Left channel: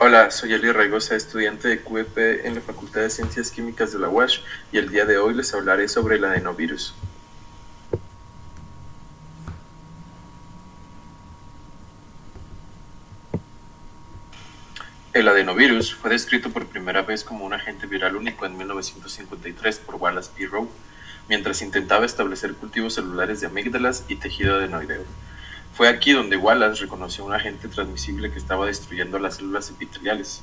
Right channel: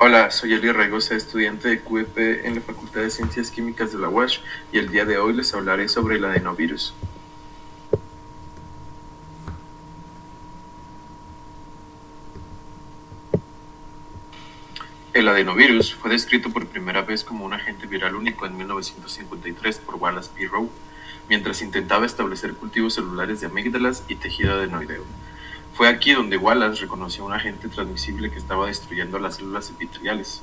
Hola, soy Eli Raigosa, estudiante de QEP en la Facultad de Ciencias Químicas de la UASH y el día de hoy les hablaré sobre el adenovirus. El adenovirus fue descrito por primera vez como un agente viral único en 1953 por Wallace P. Rowe, mientras intentaba establecer cultivos celulares de amígdalas y tejido adenoideo. Fue aquí donde Wallace reconoció un agente transmisible que estaba destruyendo las células epiteliales.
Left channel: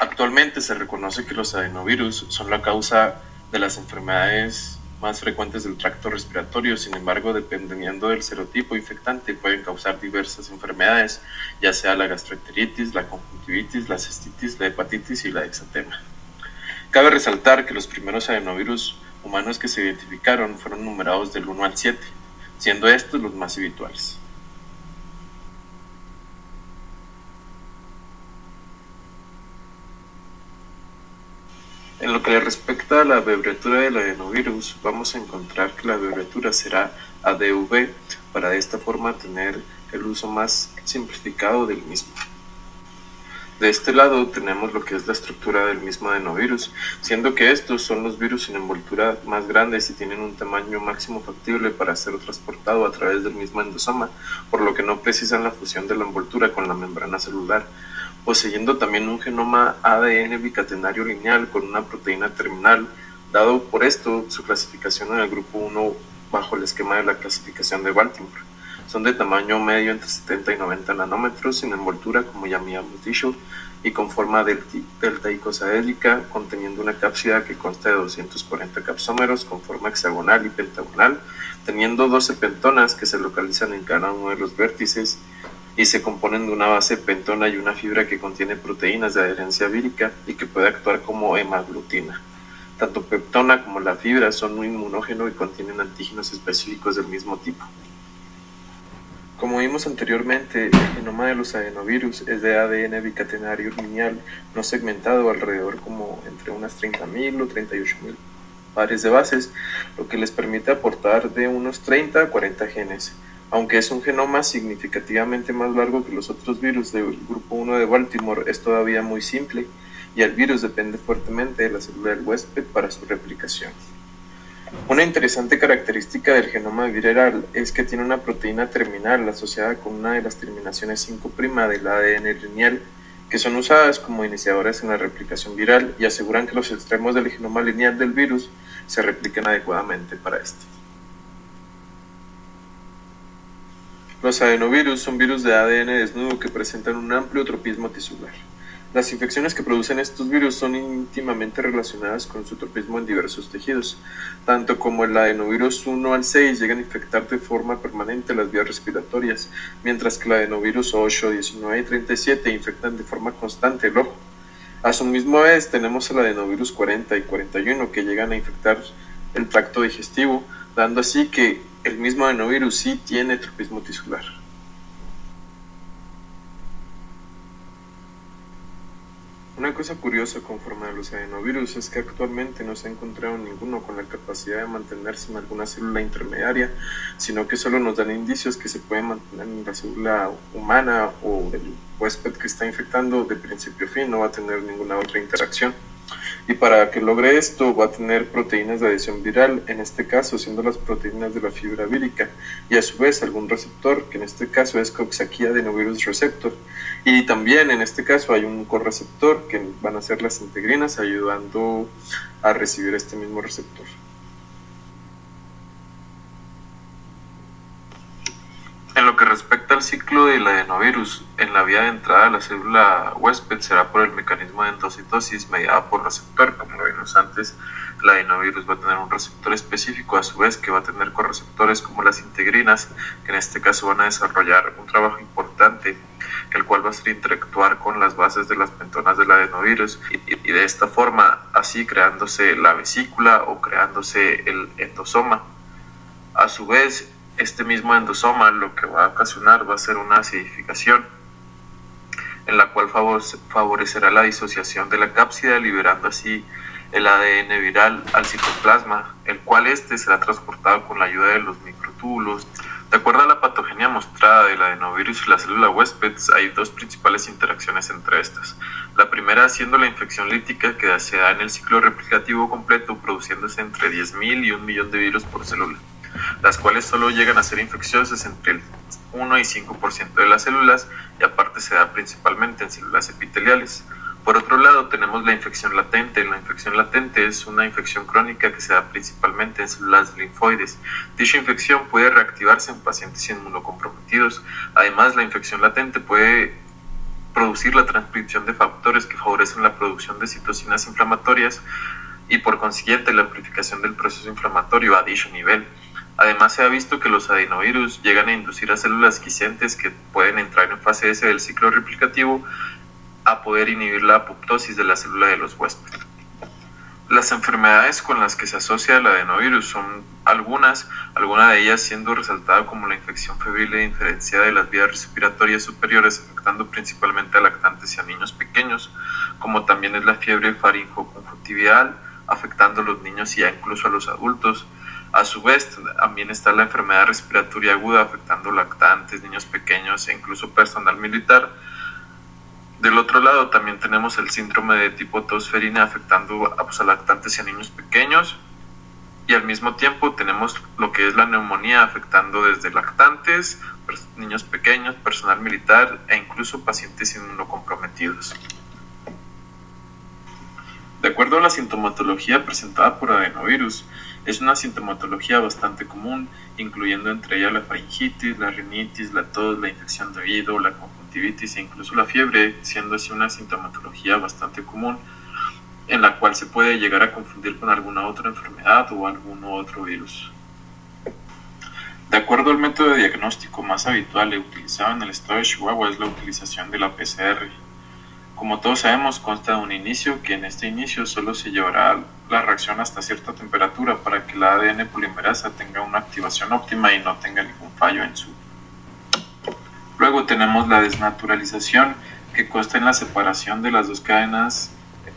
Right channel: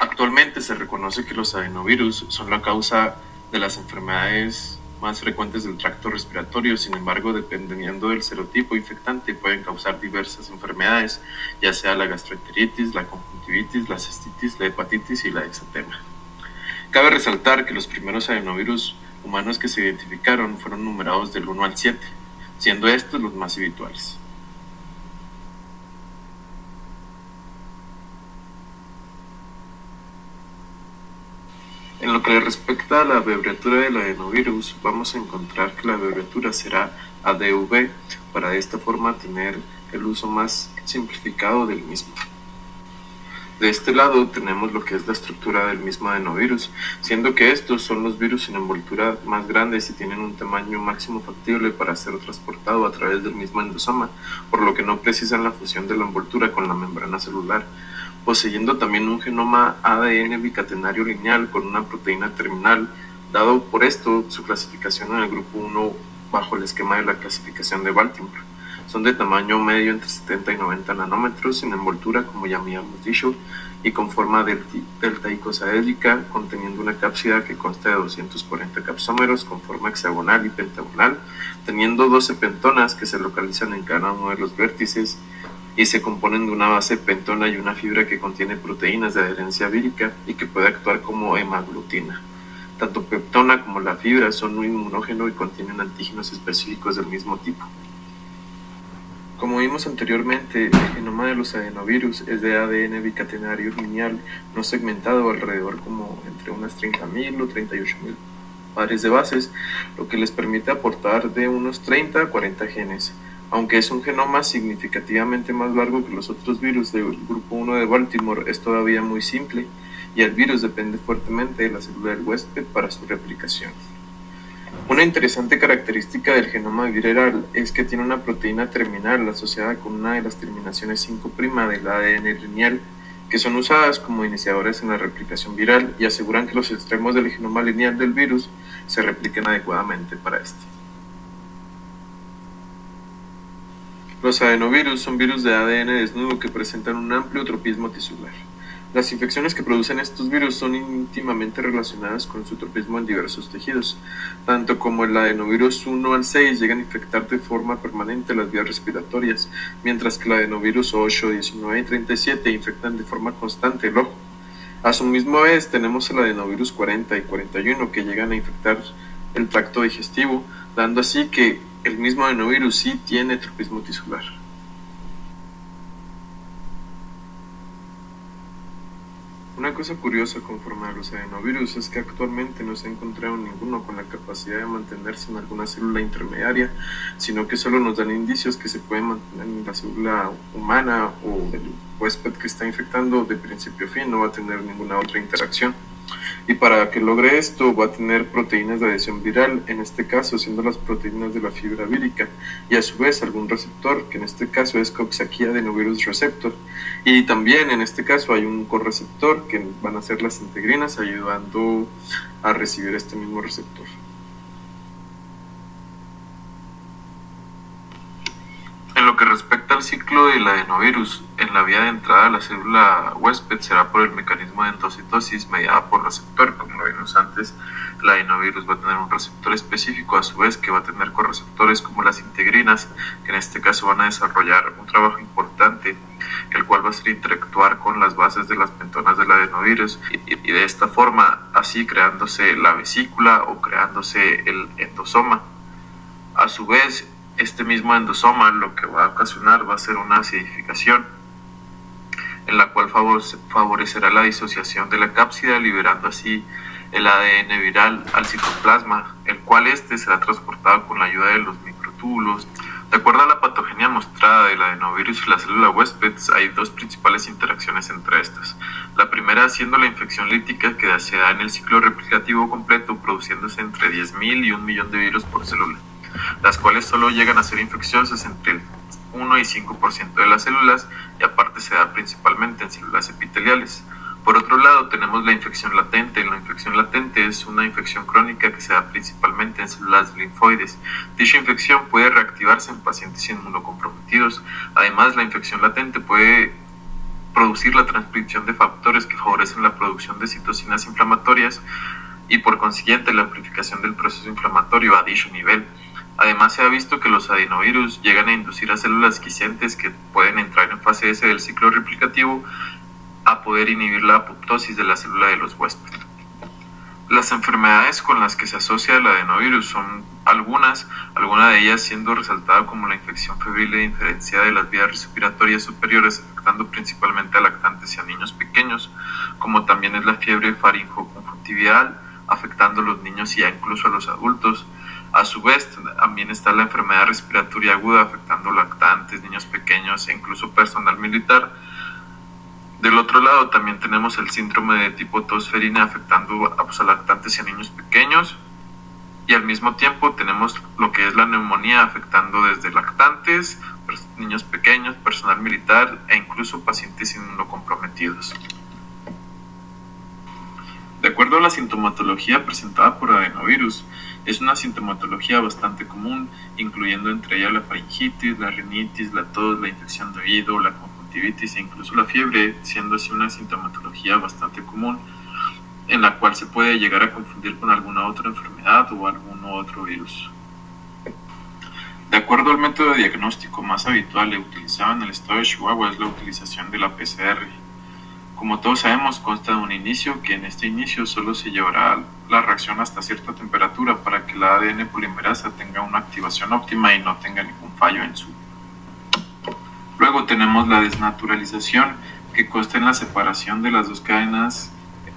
Actualmente se reconoce que los adenovirus son la causa de las enfermedades más frecuentes del tracto respiratorio. Sin embargo, dependiendo del serotipo infectante, pueden causar diversas enfermedades, ya sea la gastroenteritis, la conjuntivitis, la cistitis, la hepatitis y la exantema. Cabe resaltar que los primeros adenovirus humanos que se identificaron fueron numerados del 1 al 7, siendo estos los más habituales. En lo que le respecta a la abreviatura del adenovirus, vamos a encontrar que la abreviatura será ADV, para de esta forma tener el uso más simplificado del mismo. De este lado tenemos lo que es la estructura del mismo adenovirus, siendo que estos son los virus sin envoltura más grandes y tienen un tamaño máximo factible para ser transportado a través del mismo endosoma, por lo que no precisan la fusión de la envoltura con la membrana celular, poseyendo también un genoma ADN bicatenario lineal con una proteína terminal, dado por esto su clasificación en el grupo 1 bajo el esquema de la clasificación de Baltimore. Son de tamaño medio entre 70 y 90 nanómetros, sin envoltura, como ya habíamos dicho, y con forma delta-icosaédrica, conteniendo una cápsida que consta de 240 capsómeros con forma hexagonal y pentagonal, teniendo 12 pentonas que se localizan en cada uno de los vértices y se componen de una base pentona y una fibra que contiene proteínas de adherencia vírica y que puede actuar como hemaglutina. Tanto peptona como la fibra son un inmunógeno y contienen antígenos específicos del mismo tipo. Como vimos anteriormente, el genoma de los adenovirus es de ADN bicatenario lineal no segmentado alrededor como entre unas 30.000 o 38.000 pares de bases, lo que les permite aportar de unos 30 a 40 genes. Aunque es un genoma significativamente más largo que los otros virus del grupo 1 de Baltimore, es todavía muy simple y el virus depende fuertemente de la célula del huésped para su replicación. Una interesante característica del genoma viral es que tiene una proteína terminal asociada con una de las terminaciones 5' del ADN lineal, que son usadas como iniciadores en la replicación viral y aseguran que los extremos del genoma lineal del virus se repliquen adecuadamente para este. Los adenovirus son virus de ADN desnudo que presentan un amplio tropismo tisular. Las infecciones que producen estos virus son íntimamente relacionadas con su tropismo en diversos tejidos, tanto como el adenovirus 1 al 6 llegan a infectar de forma permanente las vías respiratorias, mientras que el adenovirus 8, 19 y 37 infectan de forma constante el ojo. A su misma vez tenemos el adenovirus 40 y 41 que llegan a infectar el tracto digestivo, dando así que el mismo adenovirus sí tiene tropismo tisular. Una cosa curiosa conforme a los adenovirus es que actualmente no se ha encontrado ninguno con la capacidad de mantenerse en alguna célula intermediaria, sino que solo nos dan indicios que se pueden mantener en la célula humana o del huésped que está infectando de principio a fin, no va a tener ninguna otra interacción. Y para que logre esto va a tener proteínas de adhesión viral, en este caso siendo las proteínas de la fibra vírica, y a su vez algún receptor, que en este caso es Coxsackie adenovirus receptor, y también en este caso hay un correceptor que van a ser las integrinas ayudando a recibir este mismo receptor. En lo que respecta al ciclo del adenovirus, en la vía de entrada a la célula huésped será por el mecanismo de endocitosis mediada por receptor. Como lo vimos antes, el adenovirus va a tener un receptor específico, a su vez que va a tener correceptores como las integrinas, que en este caso van a desarrollar un trabajo importante, el cual va a ser interactuar con las bases de las pentonas del adenovirus y de esta forma así creándose la vesícula o creándose el endosoma. A su vez, este mismo endosoma lo que va a ocasionar va a ser una acidificación, en la cual favorecerá la disociación de la cápsida, liberando así el ADN viral al citoplasma, el cual será transportado con la ayuda de los microtúbulos De acuerdo a la patogenia mostrada del adenovirus y la célula huésped, hay dos principales interacciones entre estas. La primera siendo la infección lítica que se da en el ciclo replicativo completo, produciéndose entre 10.000 y 1.000.000 de virus por célula, las cuales solo llegan a ser infecciosas entre el 1 y 5% de las células, y aparte se da principalmente en células epiteliales. Por otro lado, tenemos la infección latente. La infección latente es una infección crónica que se da principalmente en células linfoides. Dicha infección puede reactivarse en pacientes inmunocomprometidos. Además, la infección latente puede producir la transcripción de factores que favorecen la producción de citocinas inflamatorias y por consiguiente la amplificación del proceso inflamatorio a dicho nivel. Además, se ha visto que los adenovirus llegan a inducir a células quiescentes que pueden entrar en fase S del ciclo replicativo a poder inhibir la apoptosis de la célula de los huéspedes. Las enfermedades con las que se asocia el adenovirus son algunas de ellas siendo resaltada como la infección febril e indiferenciada de las vías respiratorias superiores, afectando principalmente a lactantes y a niños pequeños, como también es la fiebre faringoconjuntival, afectando a los niños y incluso a los adultos. A su vez, también está la enfermedad respiratoria aguda, afectando lactantes, niños pequeños e incluso personal militar. Del otro lado también tenemos el síndrome de tipo tosferina afectando a lactantes y a niños pequeños, y al mismo tiempo tenemos lo que es la neumonía afectando desde lactantes, niños pequeños, personal militar e incluso pacientes inmunocomprometidos. De acuerdo a la sintomatología presentada por adenovirus, es una sintomatología bastante común, incluyendo entre ellas la faringitis, la rinitis, la tos, la infección de oído, la conjuntivitis e incluso la fiebre, siendo así una sintomatología bastante común, en la cual se puede llegar a confundir con alguna otra enfermedad o algún otro virus. De acuerdo al método de diagnóstico más habitual y utilizado en el estado de Chihuahua es la utilización de la PCR. Como todos sabemos, consta de un inicio, que en este inicio solo se llevará la reacción hasta cierta temperatura para que la ADN polimerasa tenga una activación óptima y no tenga ningún fallo en su. Luego tenemos la desnaturalización, que consta en la separación de las dos cadenas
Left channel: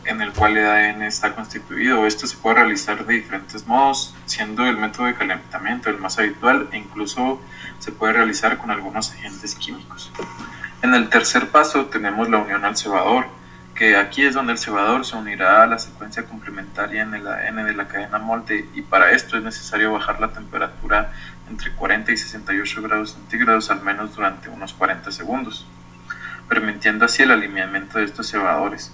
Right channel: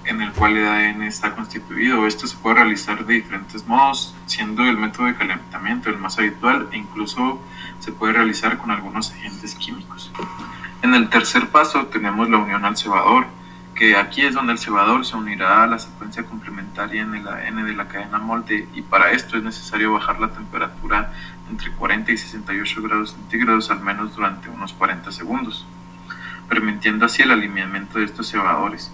en el cual el ADN está constituido. Esto se puede realizar de diferentes modos, siendo el método de calentamiento el más habitual e incluso se puede realizar con algunos agentes químicos. En el tercer paso tenemos la unión al cebador, que aquí es donde el cebador se unirá a la secuencia complementaria en el ADN de la cadena molde, y para esto es necesario bajar la temperatura entre 40 y 68 grados centígrados al menos durante unos 40 segundos, permitiendo así el alineamiento de estos cebadores.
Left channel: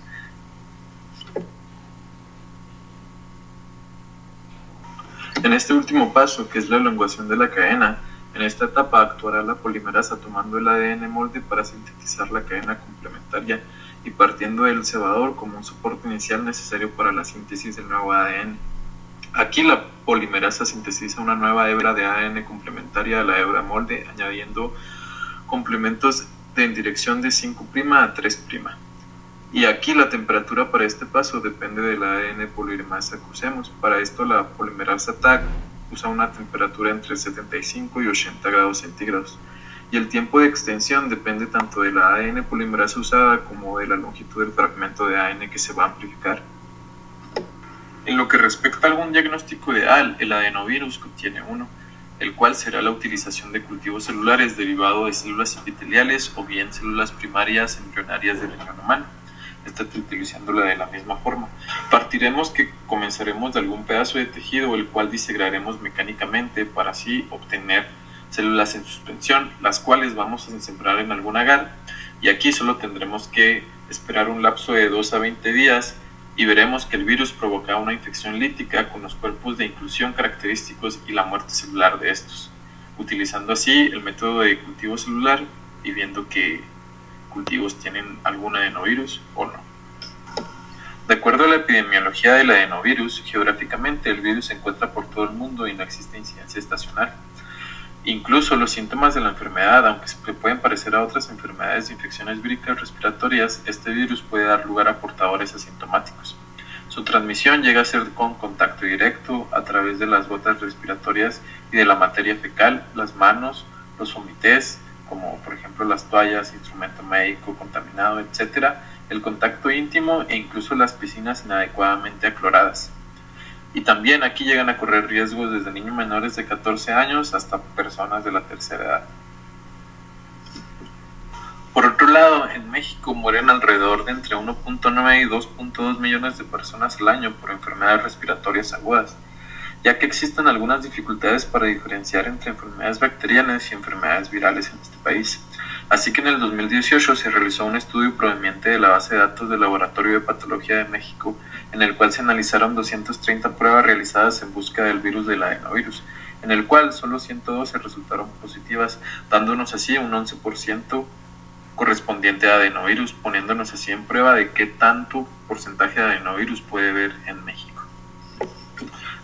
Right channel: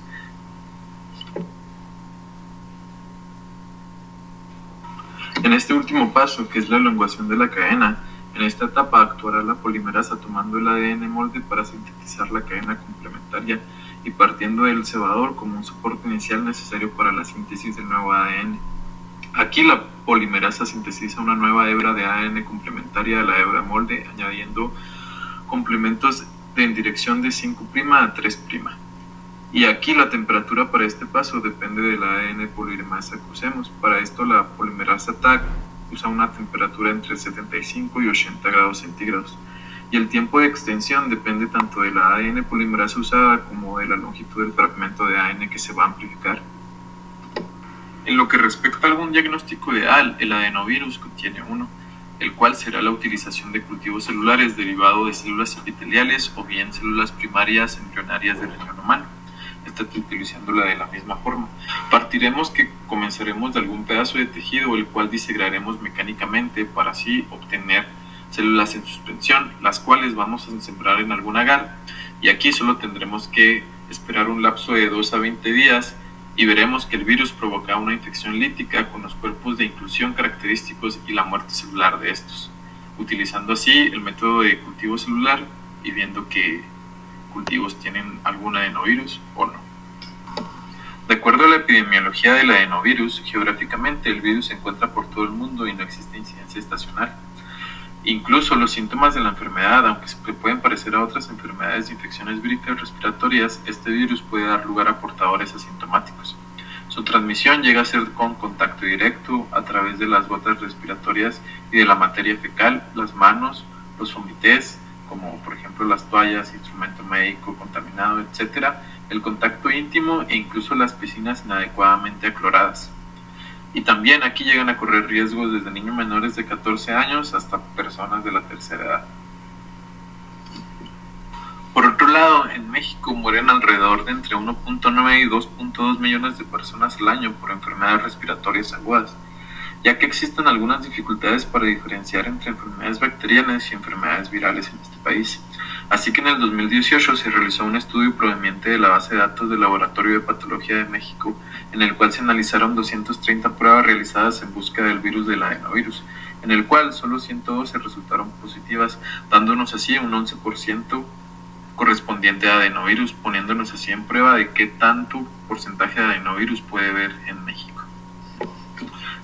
En este último paso, que es la elongación de la cadena, en esta etapa actuará la polimerasa tomando el ADN molde para sintetizar la cadena complementaria y partiendo del cebador como un soporte inicial necesario para la síntesis del nuevo ADN. Aquí la polimerasa sintetiza una nueva hebra de ADN complementaria a la hebra molde, añadiendo complementos en dirección de 5' a 3'. Y aquí la temperatura para este paso depende del ADN polimerasa que usemos. Para esto la polimerasa TAC usa una temperatura entre 75 y 80 grados centígrados. Y el tiempo de extensión depende tanto de la ADN polimerasa usada como de la longitud del fragmento de ADN que se va a amplificar. En lo que respecta a algún diagnóstico ideal, el adenovirus contiene uno, el cual será la utilización de cultivos celulares derivado de células epiteliales o bien células primarias embrionarias del riñón humano. Utilizándola de la misma forma. Partiremos que comenzaremos de algún pedazo de tejido, el cual disegraremos mecánicamente para así obtener células en suspensión, las cuales vamos a sembrar en algún agar, y aquí solo tendremos que esperar un lapso de 2 a 20 días y veremos que el virus provoca una infección lítica con los cuerpos de inclusión característicos y la muerte celular de estos, utilizando así el método de cultivo celular y viendo que cultivos tienen algún adenovirus o no. De acuerdo a la epidemiología del adenovirus, geográficamente el virus se encuentra por todo el mundo y no existe incidencia estacional. Incluso los síntomas de la enfermedad, aunque se pueden parecer a otras enfermedades de infecciones víricas respiratorias, este virus puede dar lugar a portadores asintomáticos. Su transmisión llega a ser con contacto directo a través de las gotas respiratorias y de la materia fecal, las manos, los vomités, como por ejemplo las toallas, instrumento médico contaminado, etc., el contacto íntimo e incluso las piscinas inadecuadamente acloradas. Y también aquí llegan a correr riesgos desde niños menores de 14 años hasta personas de la tercera edad. Por otro lado, en México mueren alrededor de entre 1.9 y 2.2 millones de personas al año por enfermedades respiratorias agudas, ya que existen algunas dificultades para diferenciar entre enfermedades bacterianas y enfermedades virales en este país. Así que en el 2018 se realizó un estudio proveniente de la base de datos del Laboratorio de Patología de México, en el cual se analizaron 230 pruebas realizadas en busca del virus del adenovirus, en el cual solo 112 resultaron positivas, dándonos así un 11% correspondiente a adenovirus, poniéndonos así en prueba de qué tanto porcentaje de adenovirus puede haber en México.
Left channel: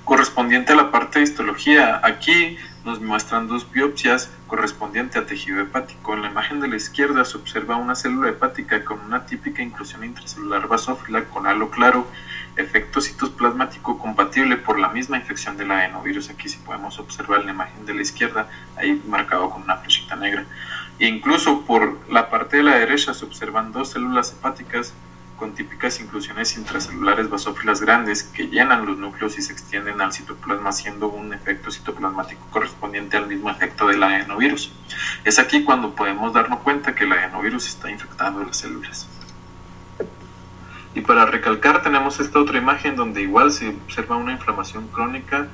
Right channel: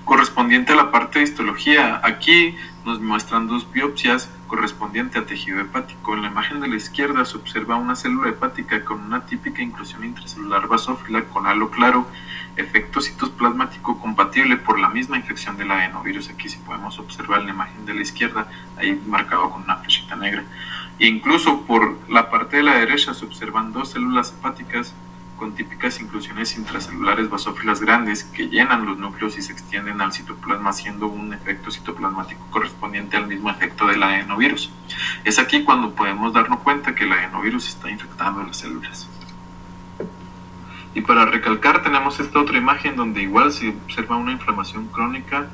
Correspondiente a la parte de histología, aquí nos muestran dos biopsias correspondiente a tejido hepático. En la imagen de la izquierda se observa una célula hepática con una típica inclusión intracelular basófila con halo claro, efecto citoplasmático compatible por la misma infección del adenovirus. Aquí sí podemos observar en la imagen de la izquierda, ahí marcado con una flechita negra. E incluso por la parte de la derecha se observan dos células hepáticas con típicas inclusiones intracelulares basófilas grandes que llenan los núcleos y se extienden al citoplasma, haciendo un efecto citoplasmático correspondiente al mismo efecto del adenovirus. Es aquí cuando podemos darnos cuenta que el adenovirus está infectando las células. Y para recalcar, tenemos esta otra imagen donde igual se observa una inflamación crónica,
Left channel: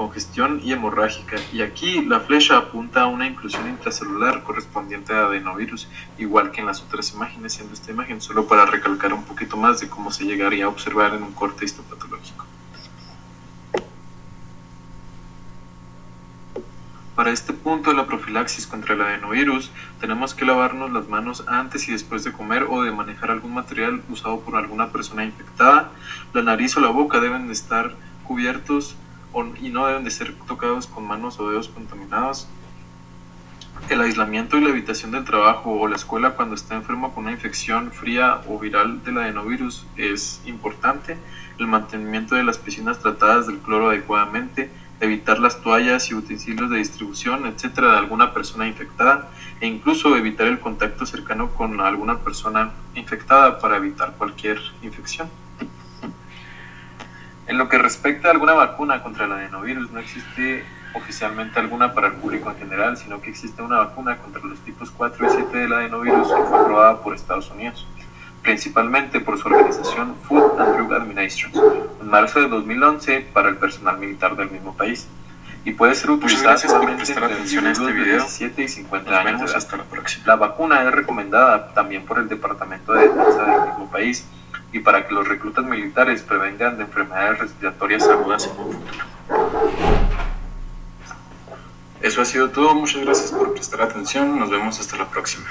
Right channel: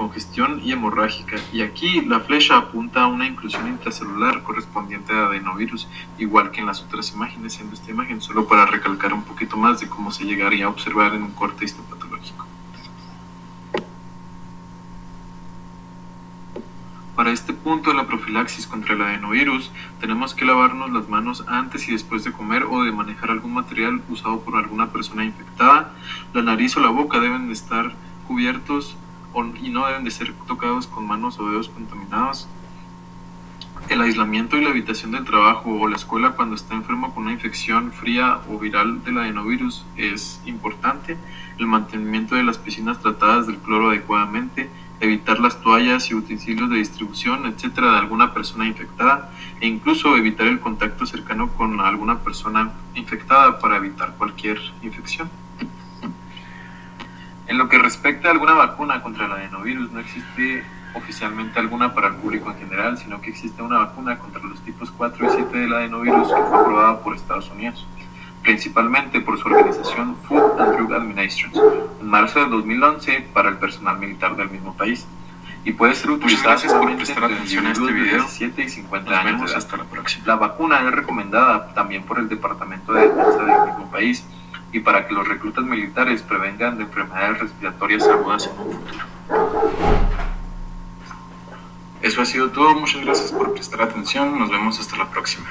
congestión y hemorrágica, y aquí la flecha apunta a una inclusión intracelular correspondiente a adenovirus, igual que en las otras imágenes, siendo esta imagen solo para recalcar un poquito más de cómo se llegaría a observar en un corte histopatológico. Para este punto de la profilaxis contra el adenovirus, tenemos que lavarnos las manos antes y después de comer o de manejar algún material usado por alguna persona infectada. La nariz o la boca deben de estar cubiertos y no deben de ser tocados con manos o dedos contaminados. El aislamiento y la evitación del trabajo o la escuela cuando está enfermo con una infección fría o viral del adenovirus es importante. El mantenimiento de las piscinas tratadas del cloro adecuadamente, evitar las toallas y utensilios de distribución, etcétera, de alguna persona infectada, e incluso evitar el contacto cercano con alguna persona infectada para evitar cualquier infección. En lo que respecta a alguna vacuna contra el adenovirus, no existe oficialmente alguna para el público en general, sino que existe una vacuna contra los tipos 4 y 7 del adenovirus que fue aprobada por Estados Unidos, principalmente por su organización Food and Drug Administration, en marzo de 2011 para el personal militar del mismo país, y puede ser utilizada por prestar atención a este video. 17 y 50 años. Nos vemos hasta la próxima. La vacuna es recomendada también por el Departamento de Defensa del mismo país y para que los reclutas militares prevengan de enfermedades respiratorias agudas en un futuro. Eso ha sido todo, muchas gracias por prestar atención, nos vemos hasta la próxima.